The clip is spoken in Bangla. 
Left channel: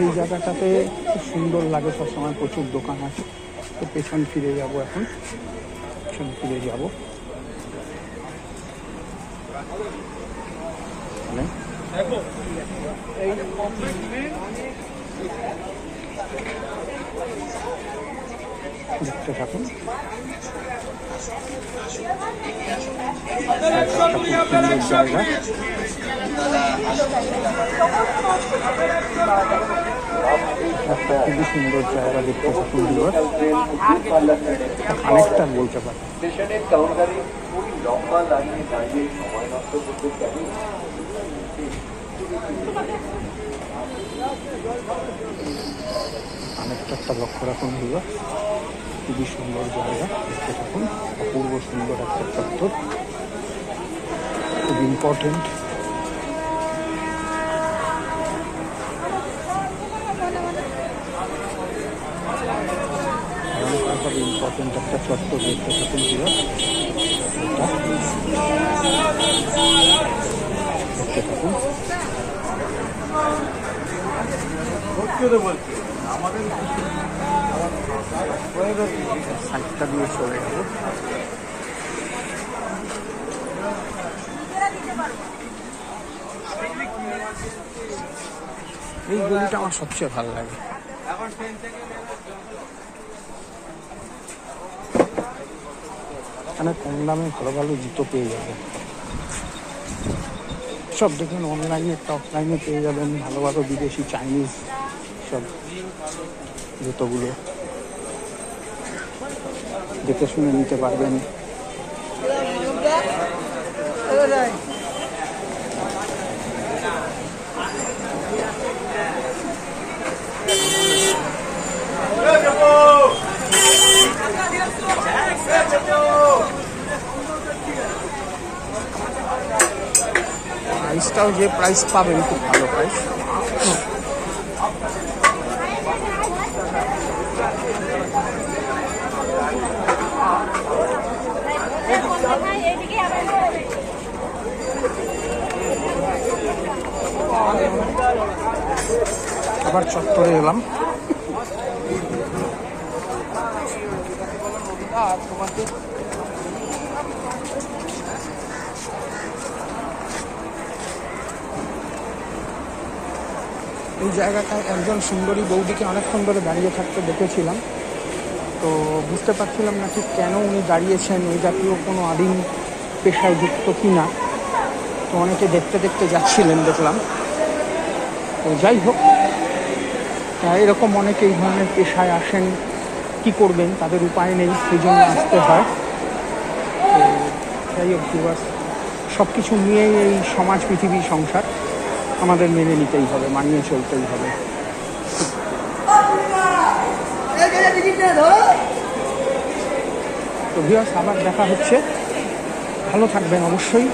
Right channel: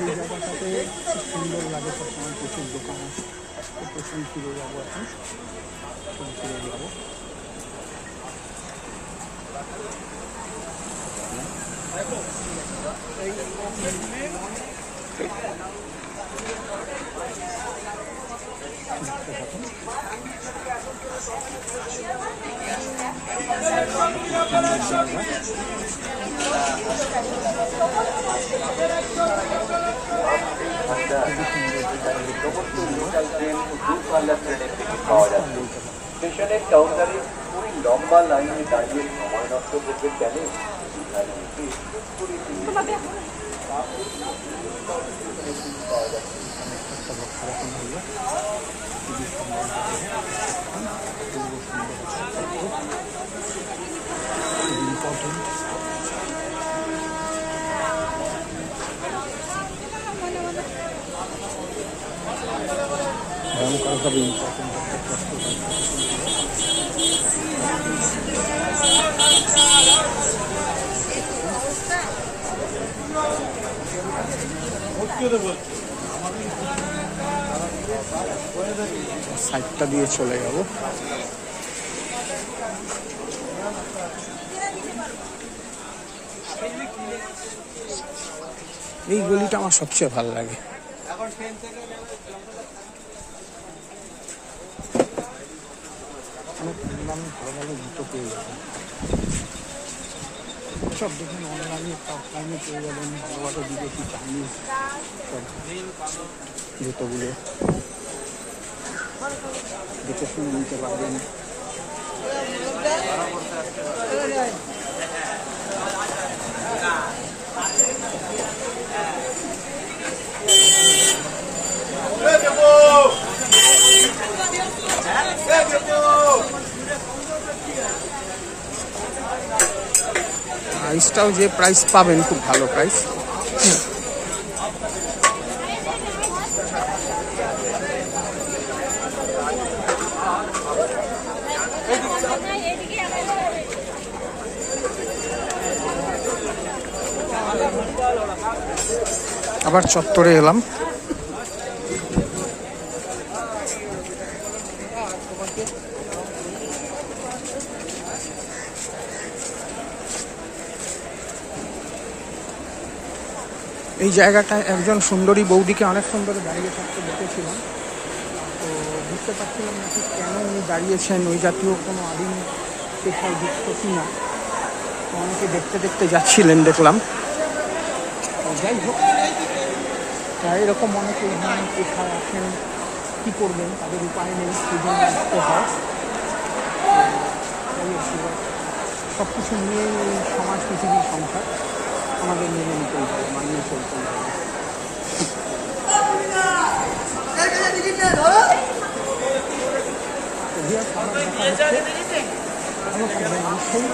এই জায়গাটাতে খুব সুন্দর লাগে, সবসময় প্রচুর দোকান আছে। তো পেছন ফিরে যাবো, এখন পেছন ফিরে যাবো। দেখতে থাকুন, খুব সুন্দর জায়গা। খুবই সুন্দর জায়গা, দেখতে সুন্দর। অনেকটা বলতে পারি। অনেকটা একটা লক্ষ্য রাখুন হলো, খুবই সুন্দর জায়গা। দেখতে থাকুন, অপূর্ব সুন্দর একটা চত্বর, খুব ইম্পর্টেন্ট। ইম্পর্টেন্ট একটা চত্বর, দেখতে থাকুন হলো। সাইডটা দিয়ে চলে গেল। এই গলিটা আমার সবচেয়ে ভালো লাগে। এখানে কম দামে ভালো ভালো জুতো পেয়ে যাবেন। সব দেখবেন অনলাইনে, অফলাইনে পেয়ে যাবেন ভালো ভালো বিদেশি, চাইনিজ সব জুতোগুলো দেখে শুনে নিতে পারবেন। প্রাইসটাও যে প্রাইস পাবেন, খুব ভালো প্রাইস। আবার চত্বরে এলাম। এই জায়গাটায় একজন সুন্দরী বৌদিকে অনেকক্ষণ ধরে দাঁড়িয়ে থাকতে দেখেছিলাম, তো বুঝতে পারছিলাম না ঠিক কেন উনি দাঁড়িয়েছেন, এই জাতীয় কোনো আদিম পেশায় যুক্ত কি না। তো অনেকে দেখতে দেখতে যাচ্ছিলেন দেখলাম। তো যাই হোক, এরকম অনেকে এই ধরনের পেশায় আসেন, কি করবেন, তাদের উপায় নেই, সেই জন্য আসতে হয়। তো যাই হোক, সব কিছু নিয়েই এই সমাজ, পৃথিবী, সংসার আমাদের মেনে নিতেই হবে, মানিয়ে চলতেই হবে। তো ভিউয়ার্স, আবার দেখা হচ্ছে। ভালো থাকবেন অবশ্যই।